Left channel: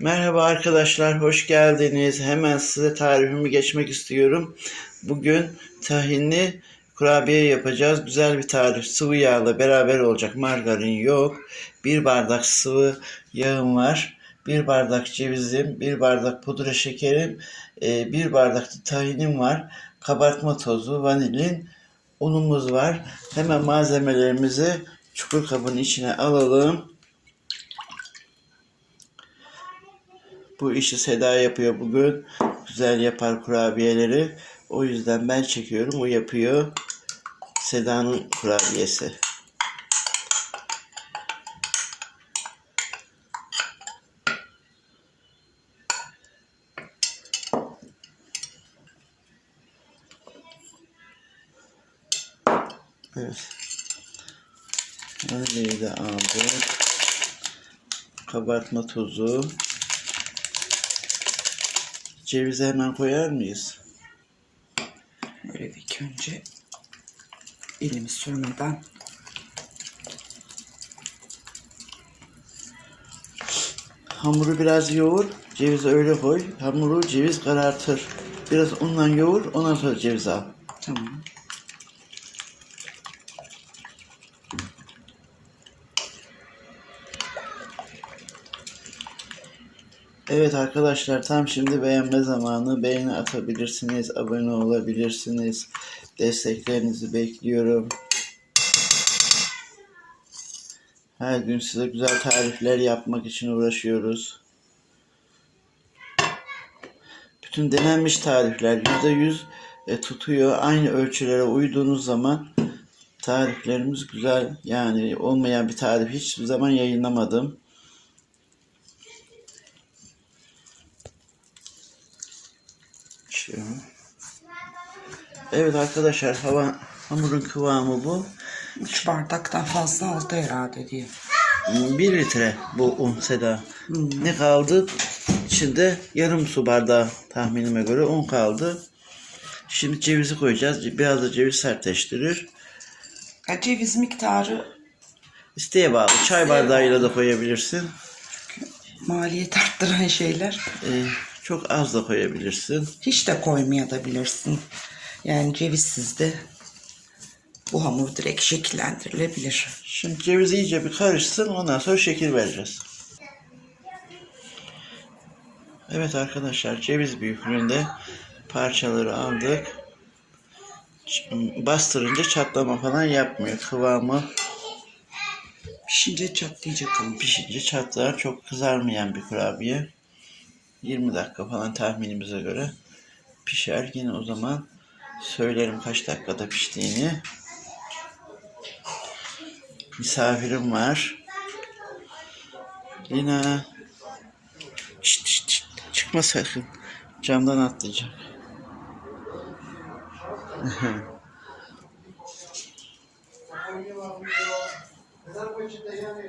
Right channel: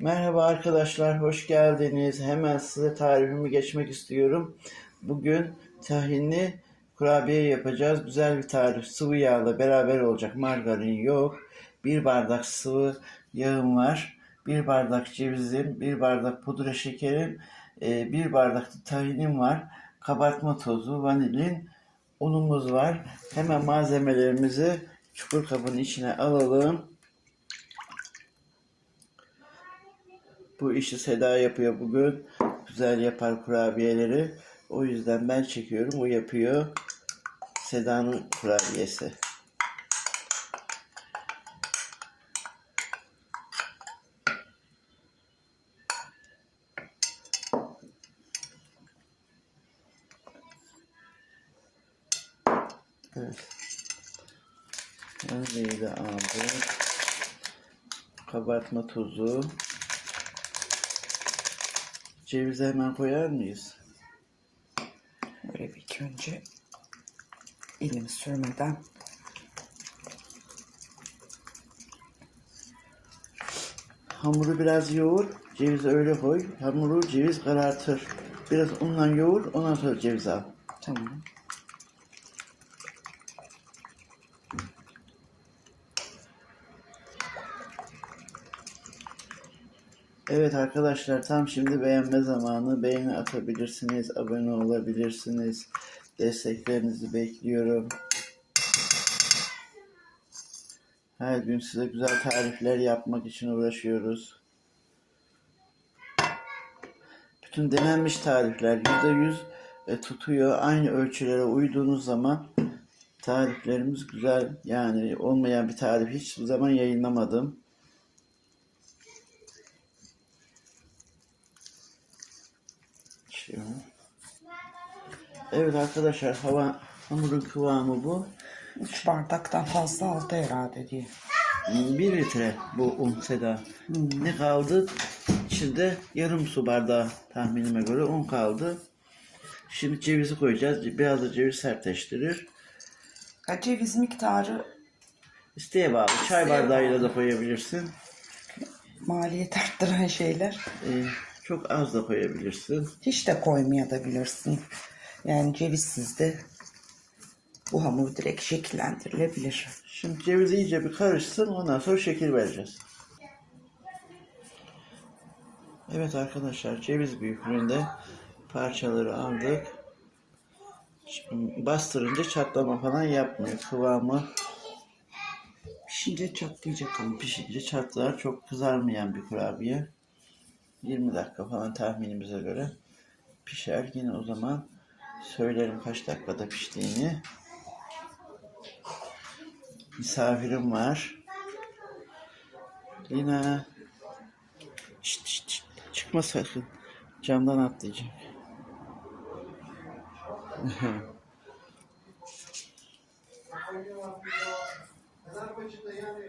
Merhaba arkadaşlar, hoş geldiniz. Hemen size tarifimi geçmek istiyorum. Bugün tahinli kurabiye yapacağız. Güzel bir tarif. Sıvı yağla beraber olacak. Margarin yok. Bir bardak sıvı yağım var. Bir bardak cevizim, bir bardak pudra şekerim, e, bir bardak da tahinim var. Kabartma tozu, vanilin, unumuz var. Hemen malzemelerimizi çukur kabın içine alalım. Bu işi Seda yapıyor bugün. Güzel yapar kurabiyeleri. O yüzden ben çekiyorum. O yapıyor. Seda'nın kurabiyesi. Evet. Vanilyayi de aldık. Kabartma tozu. Cevizi hemen koyar mıyız? Böyle bir ilk önce elimi sürmeden Hamuru biraz yoğur, cevizi öyle koy. Hamuru ceviz karartır. Biraz unla yoğur, ondan sonra ceviz al. tamam. Evet arkadaşlar tam şimdi beğenme zamanı. Beğeni atabilirsiniz, abone olabilirsiniz. Desteklerinizi bekliyorum. Her gün size güzel tarifler yapmak için uğraşıyoruz. Bütün denenmiş tarifler %100 e, tutuyor. Aynı ölçülere uyduğunuz zaman tariflerimiz güzel. Yani olmayan bir tarif hiçbir zaman yayınlamadım. Evet arkadaşlar hava hamurun kıvamı bu. 3 bardaktan fazla aldı herhalde diye. 1 litre bu un Seda. Ne kaldı? İçinde yarım su bardağı tahminime göre un kaldı. Şimdi cevizi koyacağız. Biraz da ceviz sertleştirir. Ha, ceviz miktarı İsteğe bağlı. Çay bardağıyla da koyabilirsin. maliyet arttıran şeyler. Ee, çok az da koyabilirsin. Hiç de koymayabilirsin. Yani cevizsiz de bu hamur direkt şekillendirilebilir. Şimdi ceviz iyice bir karışsın. Ondan sonra şekil vereceğiz. Evet arkadaşlar ceviz büyüklüğünde parçaları aldık. Bastırınca çatlama falan yapmıyor. Kıvamı Pişince çatlayacak ama. pişince çatlar. Çok kızarmayan bir kurabiye. 20 dakika falan tahminimize göre pişer. Yine o zaman söylerim kaç dakikada piştiğini. Misafirim var. Lina. Şşt, şşt, şşt. Çıkma sakın. Camdan atlayacak.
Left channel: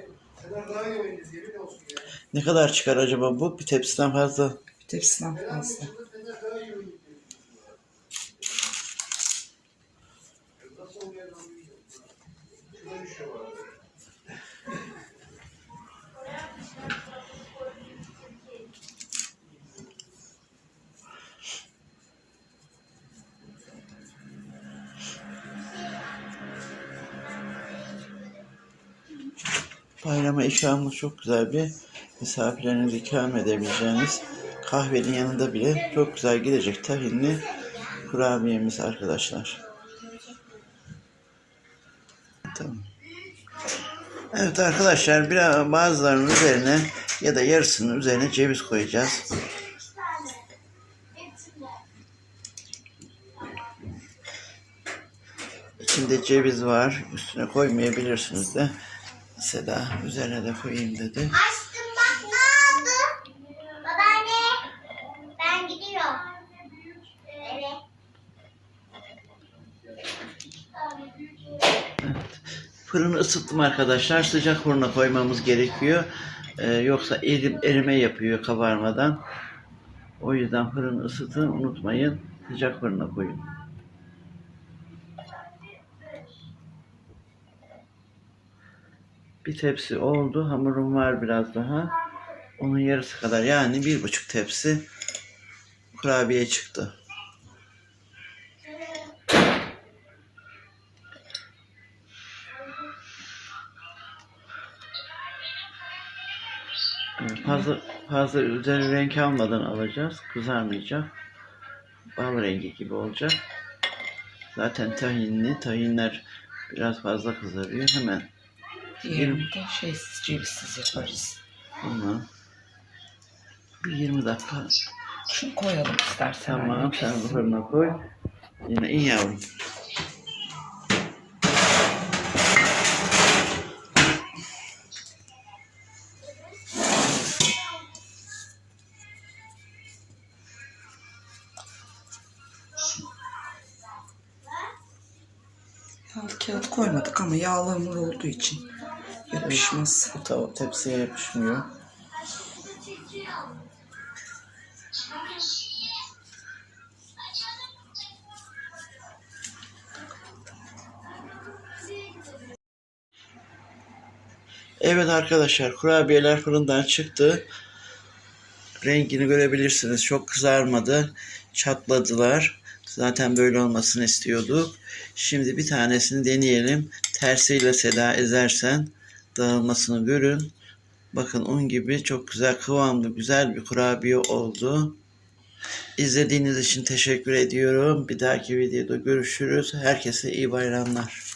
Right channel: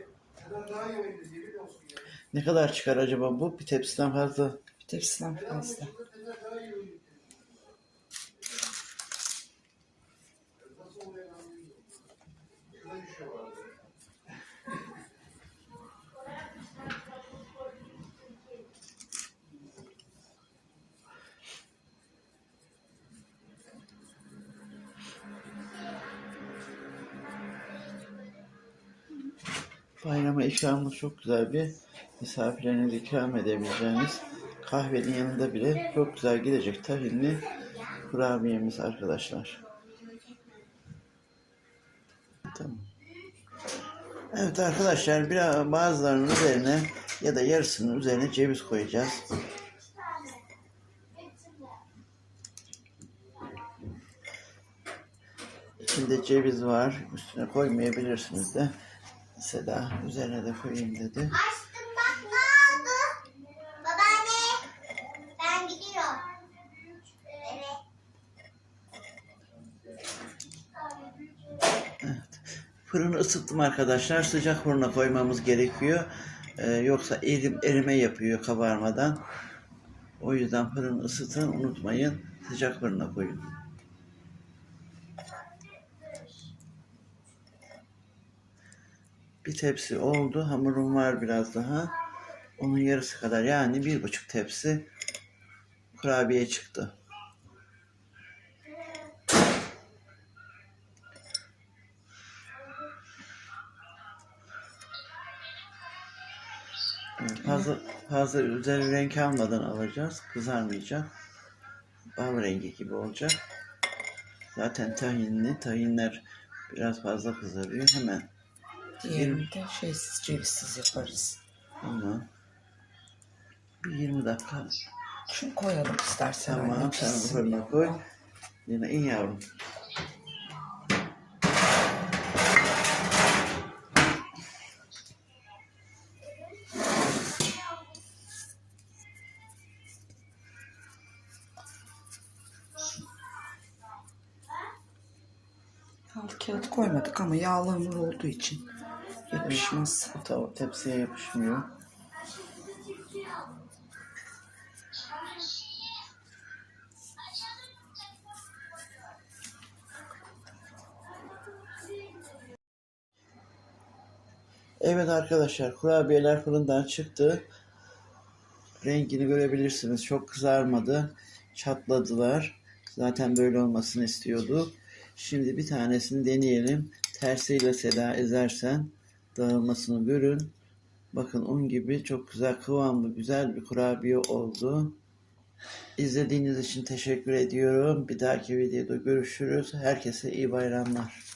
Ne kadar çıkar acaba bu? Bir tepsiden fazla. Bir tepsiden fazla. Bayrama ikramı çok güzel bir misafirlerinize ikram edebileceğiniz kahvenin yanında bile çok güzel gidecek tahinli kurabiyemiz arkadaşlar. Tamam. Evet arkadaşlar biraz bazılarının üzerine ya da yarısının üzerine ceviz koyacağız. İçinde ceviz var. Üstüne koymayabilirsiniz de. Seda üzerine de koyayım dedi. Açtım bak ne oldu? Babaanne ben gidiyorum. Evet. Fırını ısıttım arkadaşlar. Sıcak fırına koymamız gerekiyor. Ee, yoksa erim, erime yapıyor kabarmadan. O yüzden fırını ısıtın unutmayın. Sıcak fırına koyun. Bir tepsi oldu. Hamurum var biraz daha. Onun yarısı kadar yani bir buçuk tepsi kurabiye çıktı. Fazla fazla üzeri renk almadan alacağız. Kızarmayacak. Bal rengi gibi olacak. Zaten tahinli. Tahinler biraz fazla kızarıyor. Hemen Diğerini de şeysiz cevizsiz yaparız. ama bir 20 dakika Şunu koyalım istersen. Tamam anne, sen pişsin. fırına koy. Yine iyi yavrum. Yağlı kağıt koymadık ama yağlı hamur olduğu için yapışmaz. Tava tepsiye yapışmıyor. Evet arkadaşlar kurabiyeler fırından çıktı. Rengini görebilirsiniz. Çok kızarmadı. Çatladılar. Zaten böyle olmasını istiyorduk. Şimdi bir tanesini deneyelim. Tersiyle Seda ezersen dağılmasını görün. Bakın un gibi çok güzel kıvamlı güzel bir kurabiye oldu. İzlediğiniz için teşekkür ediyorum. Bir dahaki videoda görüşürüz. Herkese iyi bayramlar.